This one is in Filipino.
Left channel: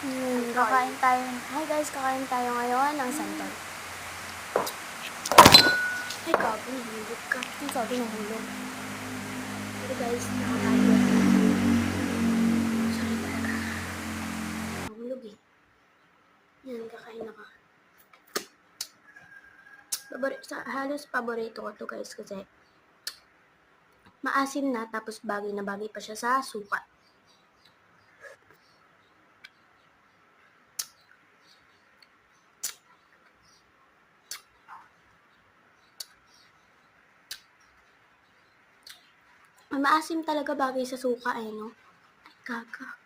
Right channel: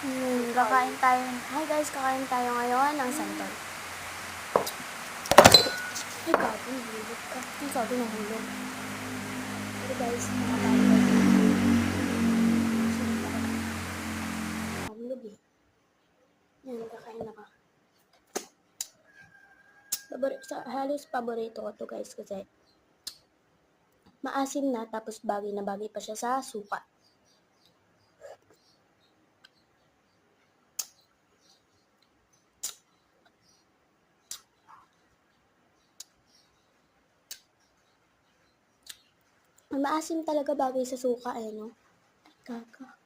Kakain tayo. Hi guys, kakain tayo ngayon ng santol. Ikaw, binahulog ka. Ikaw, binahulog. Guys, mahulog eh. Yan, kakain na ka. Halos paborito ko to guys kasi maasim na tapos bagay na bagay pa siya sa suka. Maasim talaga bagay sa suka eh, no? Kaka.